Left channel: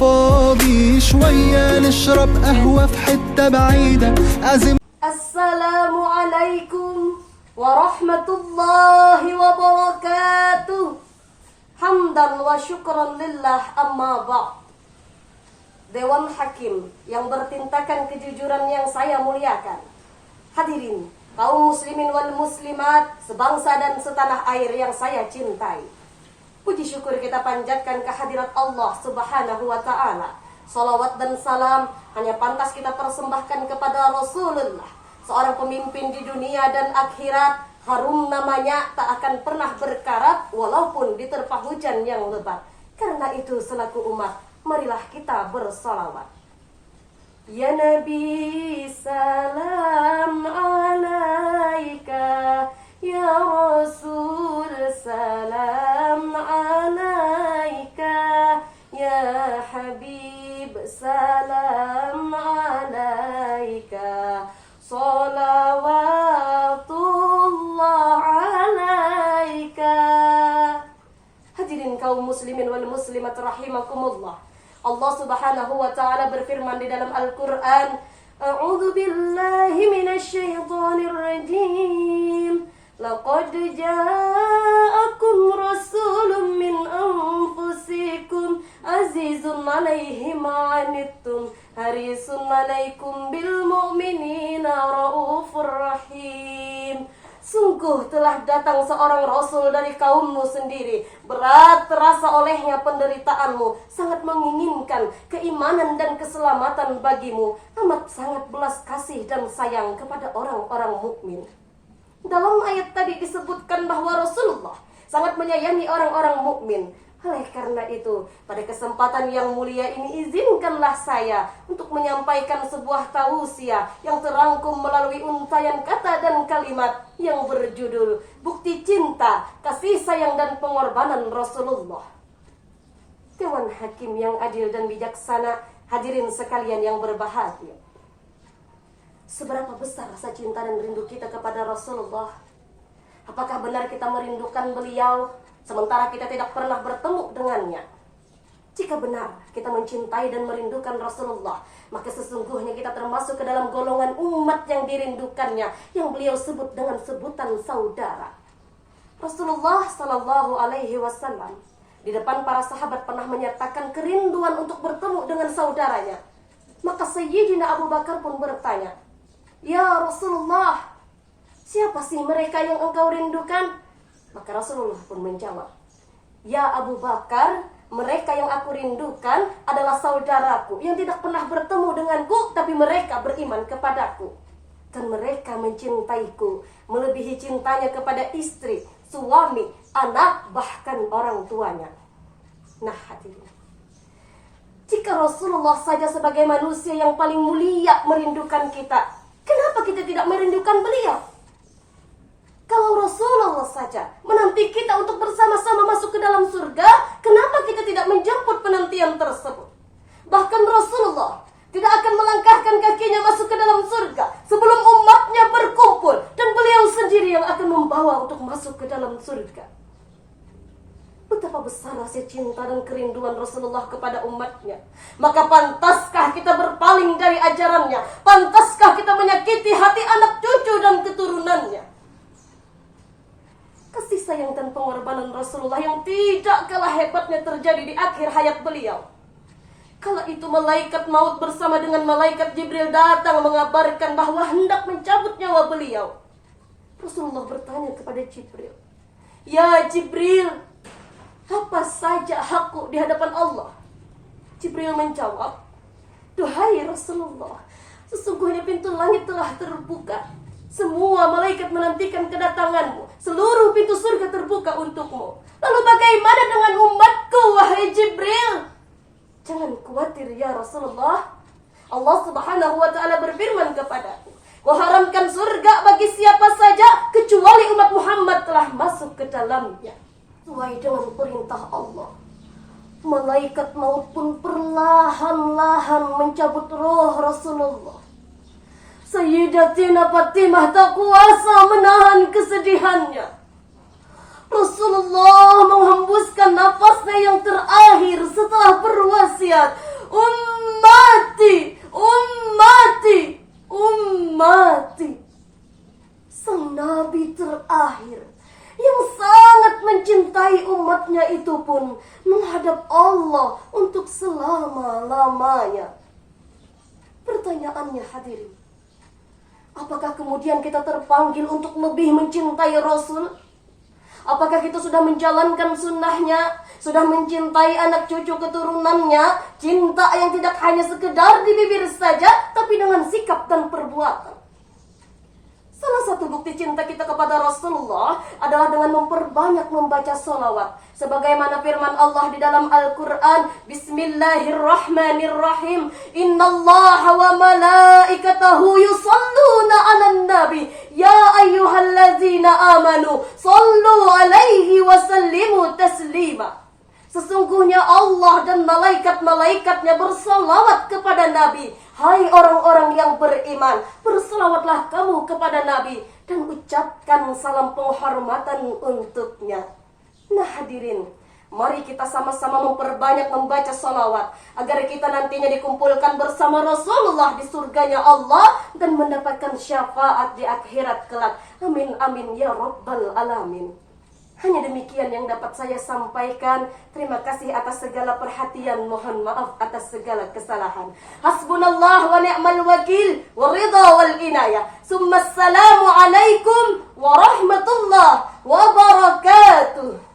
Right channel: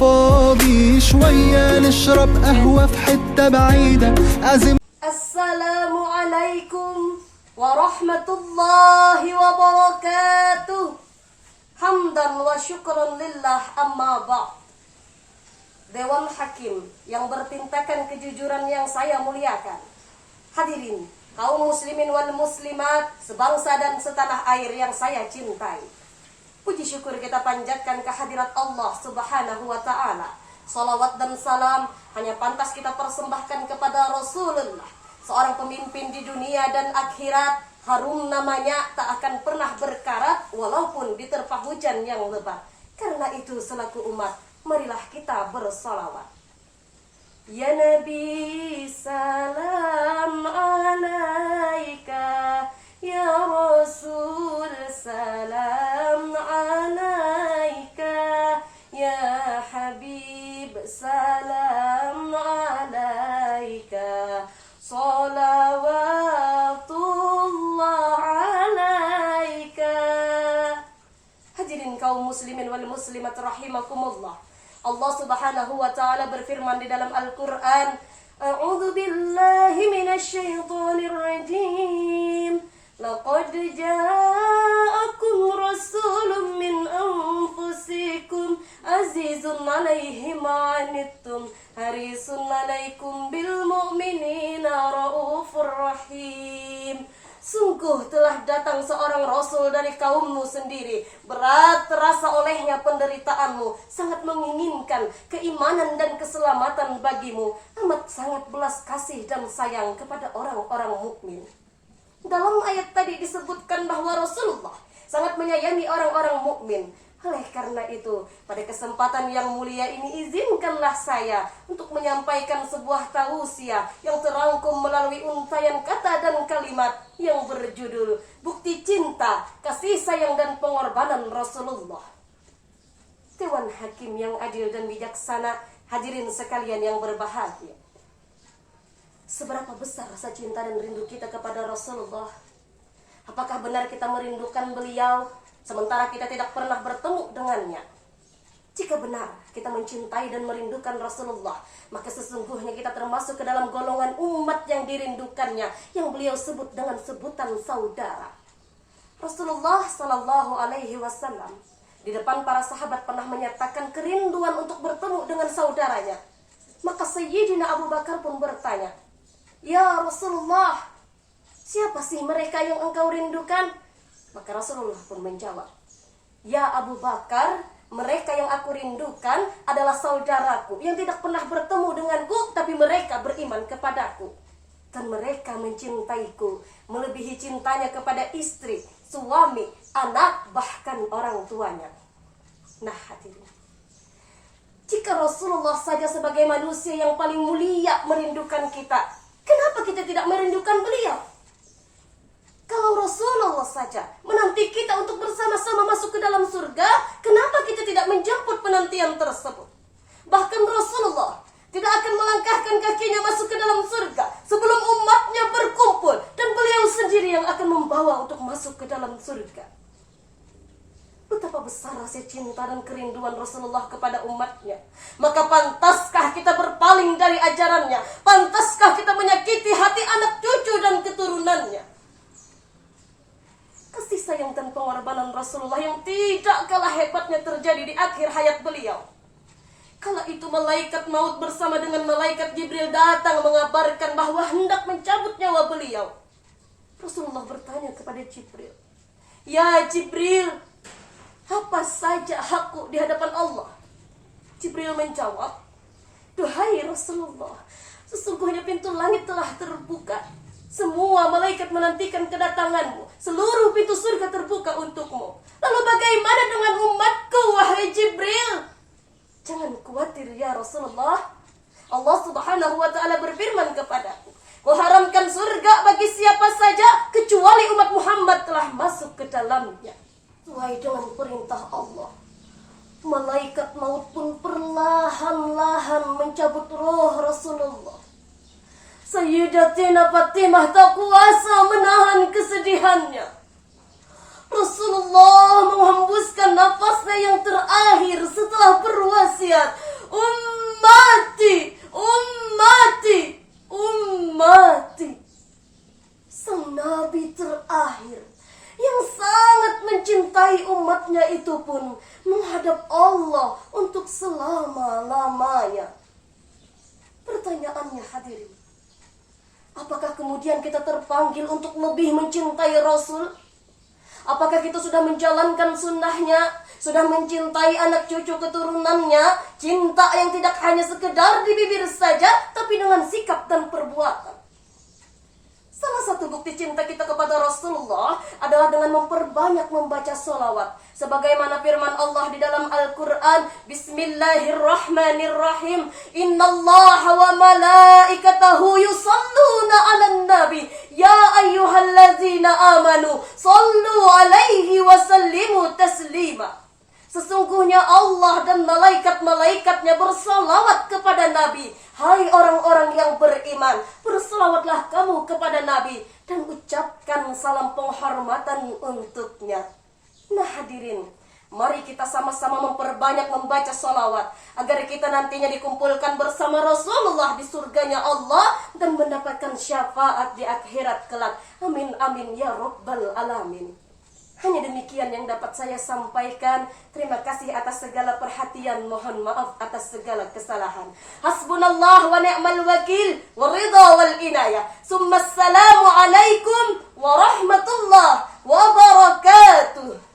فاضي شوية نشرب قهوة في حتة بعيدة أزم. Assalamualaikum warahmatullahi wabarakatuh. Hamdan wa syukran lillah, amma ba'd. Dewan Hakim yang bertintakan kejujuran yang saya muliakan, hadirin kaum muslimin wal muslimat sebangsa dan setanah air yang saya cintai, puji syukur kita panjatkan kehadirat Allah subhanahu wa ta'ala. Salawat dan salam hanya pantas kita persembahkan kepada Rasulullah, seorang pemimpin di dunia dan akhirat. Harum namanya, tak akan pernah berkarat walaupun diterpa hujan yang lebat. Karena itu selaku umat, marilah kita bersalawat. Ya Nabi salam alaika, ya Rasul salam alaika, ya Habib salam alaika, salawatullah alaika. Hadirin kaum muslimin wal muslimat rahimakumullah, Allah subhanahu wa ta'ala berfirman di dalam Al-Quran, A'udhu billahi minasyaitonir rajim, laqad ja'akum rasulun min anfusikum azizun alaihi ma'anittum harisun alaikum bil mu'minina raufur rahim. Sungguh telah datang seorang rasul dari kaummu sendiri, berat terasa olehnya penderitaanmu, sangat menginginkan keimanan dan keselamatan bagimu, amat sangat belas kasih dan sayang kepada orang-orang mukmin. Dalam ayat tadi disebutkan bahwa Rasulullah sangat menyayangi orang-orang mukmin. Oleh karena itu, pada kesempatan yang mulia ini izinkanlah saya untuk menyampaikan sebuah tausiah yang terangkum melalui untayan kata dan kalimat yang berjudul Bukti Cinta, Kasih Sayang dan Pengorbanan Rasulullah. Dewan Hakim yang adil dan bijaksana, hadirin sekalian yang berbahagia, seberapa besar rasa cinta dan rindu kita kepada Rasulullah? Apakah benar kita merindukan beliau sementara kita tidak pernah bertemu dengannya? Jika benar kita mencintai dan merindukan Rasulullah, maka sesungguhnya kita termasuk ke dalam golongan umat yang dirindukannya, yang beliau sebut dengan sebutan saudara. Rasulullah Sallallahu Alaihi Wasallam di depan para sahabat pernah menyatakan kerinduan untuk bertemu dengan saudaranya. Maka Sayyidina Abu Bakar pun bertanya, Ya Rasulullah, siapa sih mereka yang engkau rindukan? Maka Rasulullah pun menjawab, Ya Abu Bakar, mereka yang aku rindukan adalah saudaraku yang tidak pernah bertemu denganku, tapi mereka beriman kepadaku. Dan mereka mencintaiku melebihi cintanya kepada istri, suami, anak, bahkan orang tuanya. Nah hadirin, jika Rasulullah saja sebagai manusia yang paling mulia merindukan kita, kenapa kita tidak merindukan beliau? Kalau Rasulullah saja menanti kita untuk bersama-sama masuk ke dalam surga, kenapa kita tidak menjemput penantian tersebut? Bahkan Rasulullah tidak akan melangkahkan kakinya masuk ke dalam surga sebelum umatnya berkumpul, dan beliau sendiri yang akan membawa untuk masuk ke dalam surga. Betapa besar rasa cinta dan kerinduan Rasulullah kepada umatnya. Maka pantaskah kita berpaling dari ajarannya? Pantaskah kita menyakiti hati anak cucu dan keturunannya? Kasih sayang dan pengorbanan Rasulullah yang tidak kalah hebatnya terjadi di akhir hayat beliau. Kala itu malaikat maut bersama dengan malaikat Jibril datang mengabarkan bahwa hendak mencabut nyawa beliau. Rasulullah bertanya kepada Jibril, Ya Jibril, apa saja hakku di hadapan Allah? Jibril menjawab, Duhai Rasulullah, sesungguhnya pintu langit telah terbuka. Semua malaikat menantikan kedatanganmu. Seluruh pintu surga terbuka untukmu. Lalu bagaimana dengan umatku, wahai Jibril? Jangan khawatir ya Rasulullah. Allah subhanahu wa ta'ala berfirman kepadaku, Kau haramkan surga bagi siapa saja kecuali umat Muhammad telah masuk ke dalamnya. Sesuai dengan perintah Allah, malaikat maut pun perlahan-lahan mencabut roh Rasulullah. Sayyidatina Fatimah tak kuasa menahan kesedihannya. Rasulullah menghembuskan nafasnya yang terakhir setelah berwasiat, ummati, ummati, ummati. Sang Nabi terakhir yang sangat mencintai umatnya itu pun menghadap Allah untuk selama-lamanya. Pertanyaannya hadirin, apakah kemudian kita terpanggil untuk lebih mencintai Rasul? Apakah kita sudah menjalankan sunnahnya, sudah mencintai anak cucu keturunannya, cinta yang tidak hanya sekedar di bibir saja, tapi dengan sikap dan perbuatan? Salah satu bukti cinta kita kepada Rasulullah adalah dengan memperbanyak membaca sholawat. Sebagaimana firman Allah di dalam Al-Quran, Bismillahirrahmanirrahim, Innallaha wa malaikatahu yusalluna ala nabi, Ya ayyuhallazina amanu, sallu alaihi wa sallimu taslima. Sesungguhnya Allah dan malaikat-malaikatnya bersalawat kepada Nabi. Hai orang-orang yang beriman, bersalawatlah kamu kepada Nabi dan ucapkan salam penghormatan untuknya. Nah hadirin, mari kita sama-sama memperbanyak membaca salawat agar kita nantinya dikumpulkan bersama Rasulullah di surganya Allah dan mendapatkan syafaat di akhirat kelak. Amin amin ya rabbal alamin. Hanya demikian yang dapat saya sampaikan. Terima kasih atas segala perhatian. Mohon maaf atas segala kesalahan. Hasbunallah wa ni'mal wakil, wa ridha wal inayah. Summa assalamu alaikum warahmatullahi wabarakatuh.